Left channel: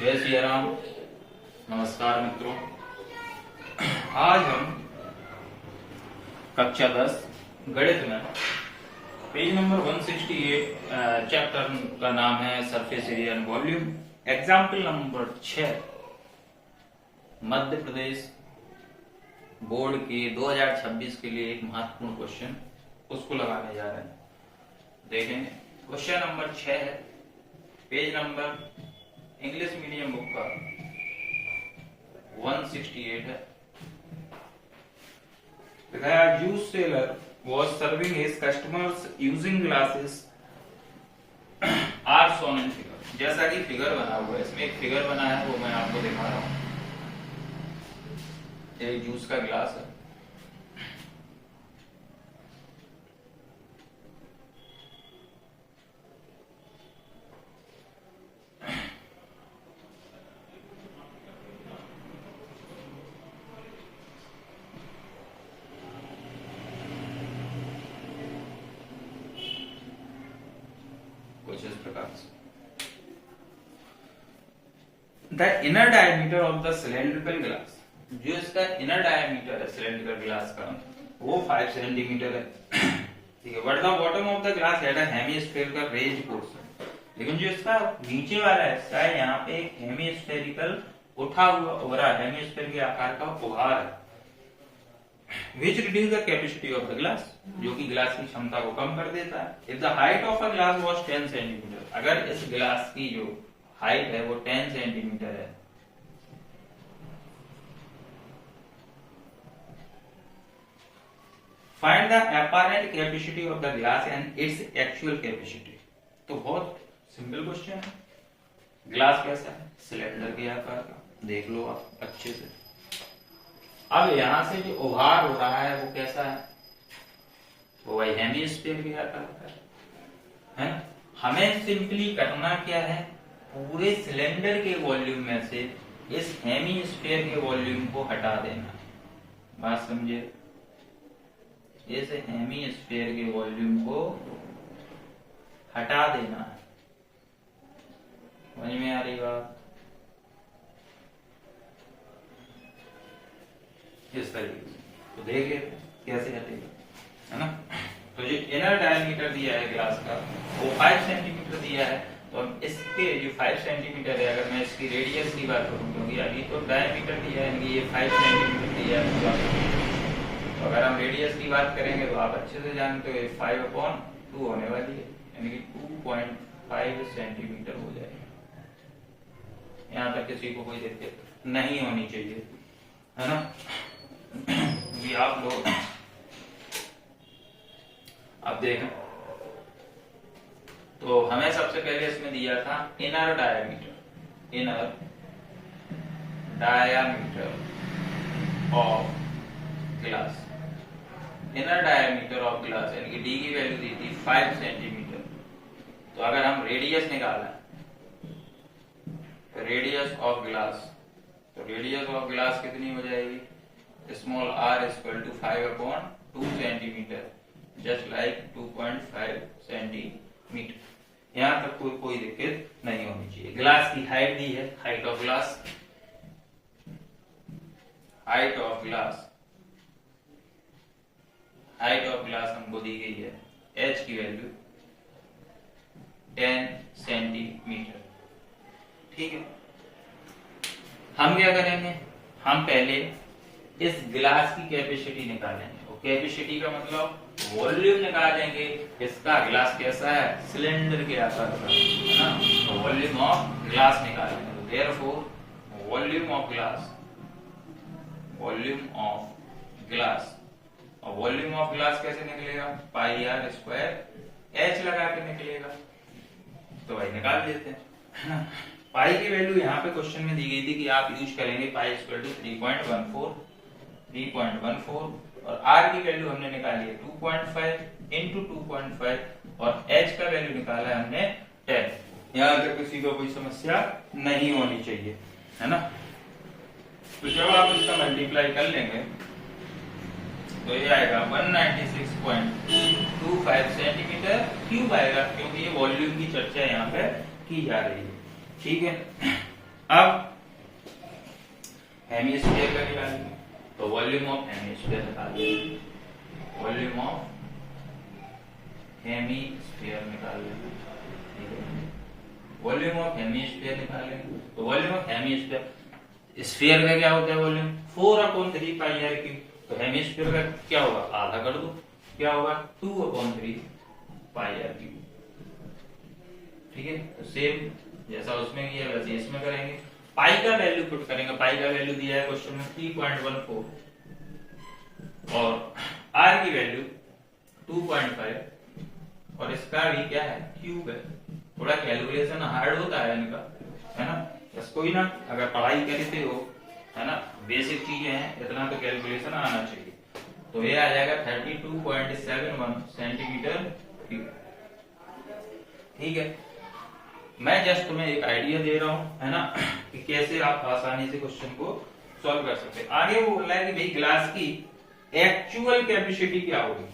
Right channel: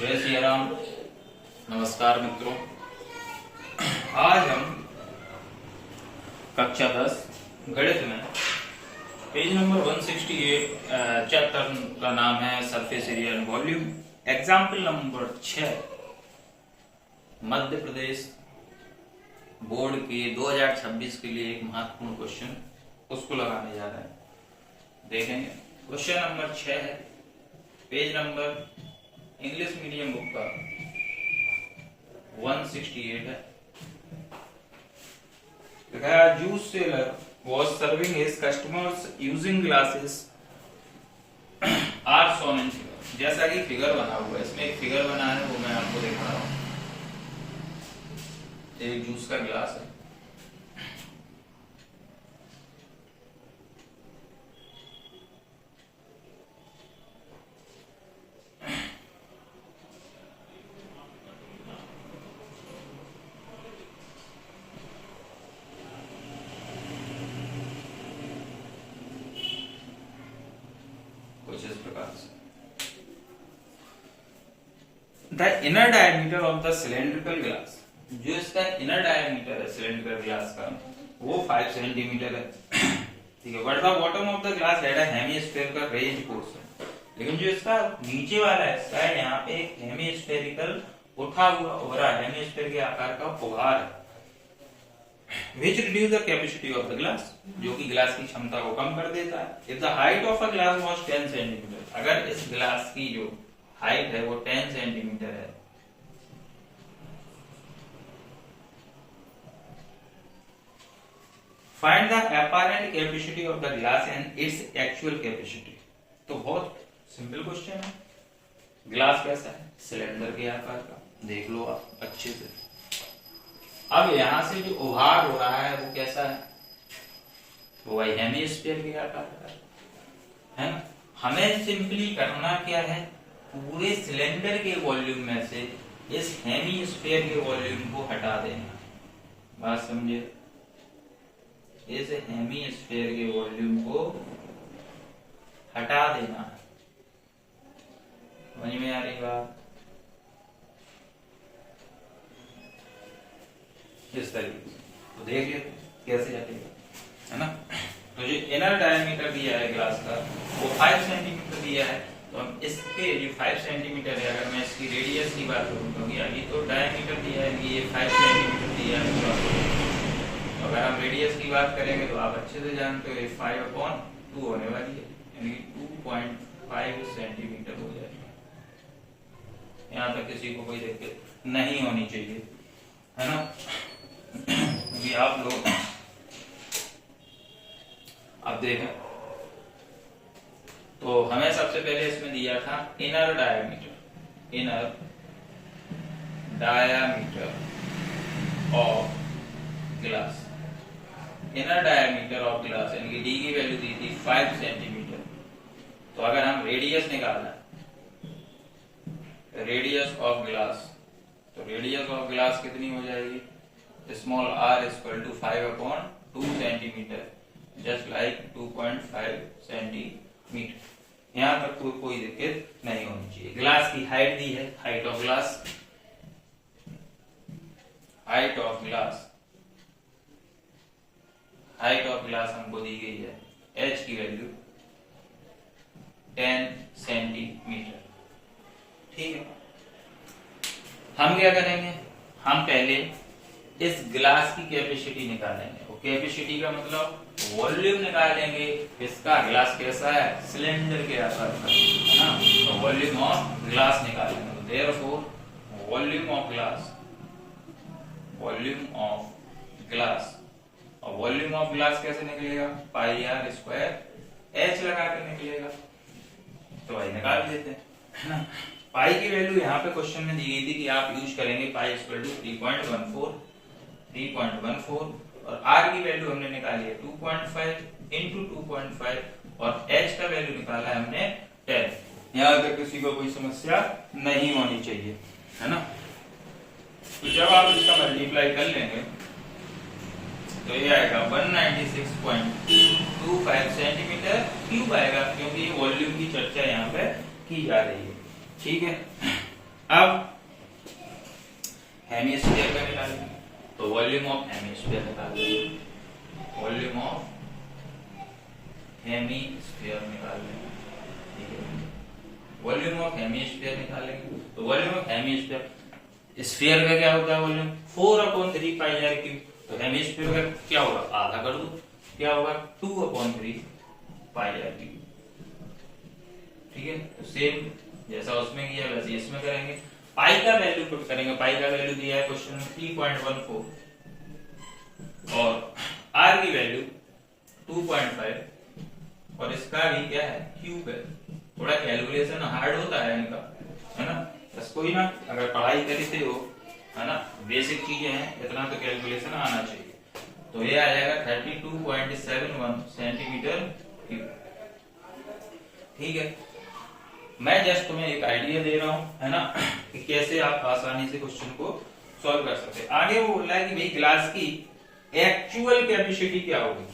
जय श्री राम। नमस्कार मित्रों, आज हम कक्षा 10 गणित में पेज नंबर 168 चैप्टर का नाम है surface area and volume, example number 6 Madhya Pradesh board के 2026 के लिए एक महत्वपूर्ण क्वेश्चन उसको लगाने जा रहे हैं। देखेंगे क्वेश्चन नंबर 6 है, page number English medium book का 168 है। Juice seller was serving his customers using glasses are shown in figure। जैसा कि फिगर बना हुआ है, इसमें एक फिगर बना है वो मैं आपको दिखा रहा हूँ। एक जूस का गिलास है, कुछ इस प्रकार से। The inner diameter of the cylindrical glass, जो इसका इनर डायमीटर है सिलेंड्रिकल ग्लास का वो 5 सेंटीमीटर है, ठीक है। But the bottom of the glass had a hemisphere का रेज पोर्शन, लेकिन जो इसका नीचे वाला हिस्सा है यहाँ पे एक हेमीस्फेरिकल उठा हुआ उभरा हेमीस्फेयर के आकार का उभार है, which reduce the capacity of the glass, जो कि ग्लास की क्षमता को कम कर देता है। If the height of a glass was 10 centimetre, अगर इस ग्लास की जो हाइट है वो 10 सेंटीमीटर है, find the apparent capacity of the glass and its actual capacity। तो बहुत सिंपल क्वेश्चन है। ग्लास कैसा है? सिलेंडर के आकार का, देख लो आप अच्छे से। अब यहां से जो उभार हो रहा है वो कैसा है? वो हेमीस्फीयर के आकार का है। हमें सिंपली करना क्या है, पूरे सिलेंडर के वॉल्यूम में से इस हेमीस्फीयर के वॉल्यूम को हटा देना। बात समझे? इस हेमीस्फीयर के वॉल्यूम को हटा देना है। समझ में आ रही बात? इस तरीके से तो देख लेते कैसे हटेगा, है ना। तो जो इनर डायमीटर दिया है ग्लास का वो 5 सेंटीमीटर दिया है, तो हम इसके जो 5 सेंटीमीटर है, अगर मैं इसकी रेडियस की बात करूं, क्योंकि अभी तो डायमीटर दिया है, ये 5 सेंटीमीटर दिया है, तो अगर हम रेडियस की बात करेंगे तो आप अच्छे से जानते हो ये 5/2 होने वाली है, यानी 2.5 सेंटीमीटर हो जाएगी। यहाँ तक किसी को कोई दिक्कत नहीं होनी चाहिए, है ना। ये आप लोग अब देखें तो हमें सबसे पहले इसमें दिया था inner diameter of glass, inner diameter of glass यानी कि डी की वैल्यू दी थी 5 सेंटीमीटर। तो अगर हम रेडियस निकालें, रेडियस ऑफ ग्लास, तो रेडियस ऑफ ग्लास कितनी हो जाएगी? Small r equal to 5/2 centimetre, just like 2.5 centimetre. यहां तक कोई दिक्कत नहीं होनी चाहिए। ग्लास की हाइट दी है, हाइट ऑफ ग्लास हमको दी गई है, h की वैल्यू 10 सेंटीमीटर, ठीक है। हम क्या करेंगे, हम पहले इस ग्लास की कैपेसिटी निकालेंगे। वो कैपेसिटी का मतलब वॉल्यूम निकालेंगे। इसका ग्लास कैसा है? सिलेंडर के आकार का, है ना। तो वॉल्यूम ऑफ ग्लास निकालेंगे। तो देयरफॉर वॉल्यूम ऑफ ग्लास, और वॉल्यूम ऑफ ग्लास कैसे निकलेगा? पाई r स्क्वायर h लगा के निकलेगा। तो भाई निकाल लेते हैं। पाई की वैल्यू यहाँ पे क्वेश्चन में दी गई थी कि आप यूज करेंगे पाई इक्वल टू 3.14 और r की वैल्यू हमने निकाली है 2.5 इंटू 2.5 और h का वैल्यू निकाला है हमने 10। यहाँ अगर किसी को कोई समस्या नहीं होनी चाहिए, है ना। तो जब आप इसका मल्टीप्लाई कर लेंगे तो ये आएगा 196.25 सेंटीमीटर क्यूब आएगा, क्योंकि वॉल्यूम की चर्चा यहाँ पे की जा रही है, ठीक है। अब हेमिस्फीयर का निकालेंगे, तो वॉल्यूम ऑफ हेमिस्फीयर निकाल लेंगे, वॉल्यूम ऑफ हेमिस्फीयर निकाल लेंगे, ठीक है। वॉल्यूम ऑफ हेमिस्फीयर निकालेंगे, तो वॉल्यूम ऑफ हेमिस्फीयर, स्फीयर का क्या होता है वॉल्यूम 4/3 पाई आर क्यूब, तो हेमिस्फीयर का क्या होगा आधा कर दो, क्या होगा 2/3 पाई आर क्यूब, ठीक है। तो सेम जैसा उसमें किया वैसे इसमें करेंगे। पाई का वैल्यू पुट करेंगे, पाई का वैल्यू दिया है क्वेश्चन में 3.14 और आर की वैल्यू 2.5 और इसका भी क्या है क्यूब है। थोड़ा कैलकुलेशन हार्ड होता है इनका, है ना, बस कोई ना, अगर पढ़ाई करते हो, है ना, बेसिक चीजें हैं, इतना तो कैलकुलेशन आना चाहिए। तो ये आ जाएगा 32.71 सेंटीमीटर क्यूब, ठीक है। मैं जस्ट तुम्हें एक आइडिया दे रहा हूं, है ना, कि कैसे आप आसानी से क्वेश्चन को सॉल्व कर सकते हैं। आगे वो बोल रहा है कि भाई ग्लास की एक्चुअल कैपेसिटी क्या होगी,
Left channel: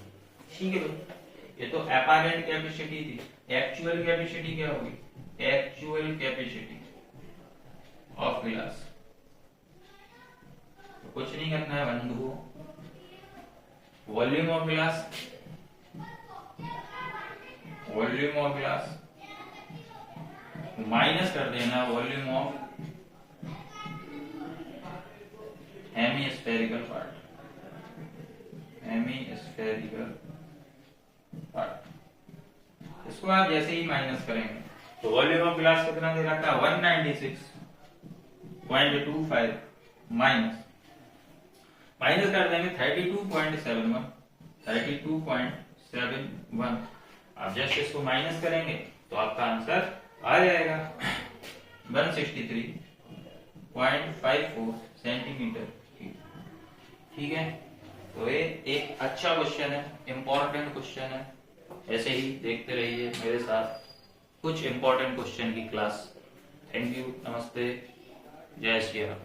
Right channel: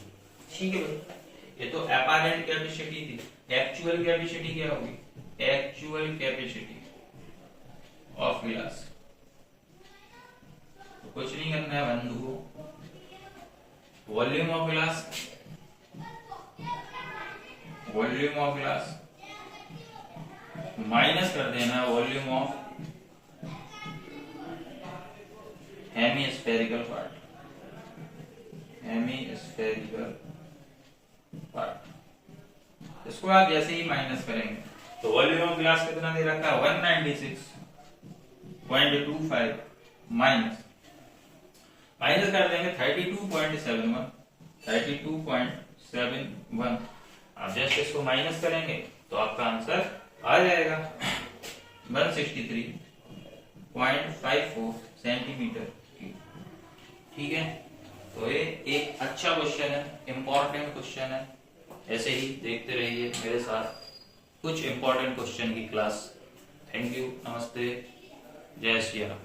ठीक है भाई, ये तो अपैरेंट कैपेसिटी थी, एक्चुअल कैपेसिटी क्या होगी, एक्चुअल कैपेसिटी ऑफ ग्लास। तो कुछ नहीं करना है बंधुओं, volume of glass, volume of glass minus कर देना volume of hemispherical part, hemispherical part. इसको आप जैसे ही माइनस करेंगे तो वॉल्यूम ऑफ ग्लास कितना दे रखा है 196.25 माइनस माइनस कर देंगे 32.71, 32.71। आप जस्ट इसको माइनस करेंगे तो आपका आंसर आ जाएगा 163.54 सेंटीमीटर, ठीक है। तो ये एक अच्छा क्वेश्चन है, इंपॉर्टेंट क्वेश्चन है। ऐसे ही देखते रहिए मेरे साथ कुछ इंपॉर्टेंट क्वेश्चन की क्लास। थैंक यू, नमस्ते, जय श्री राम।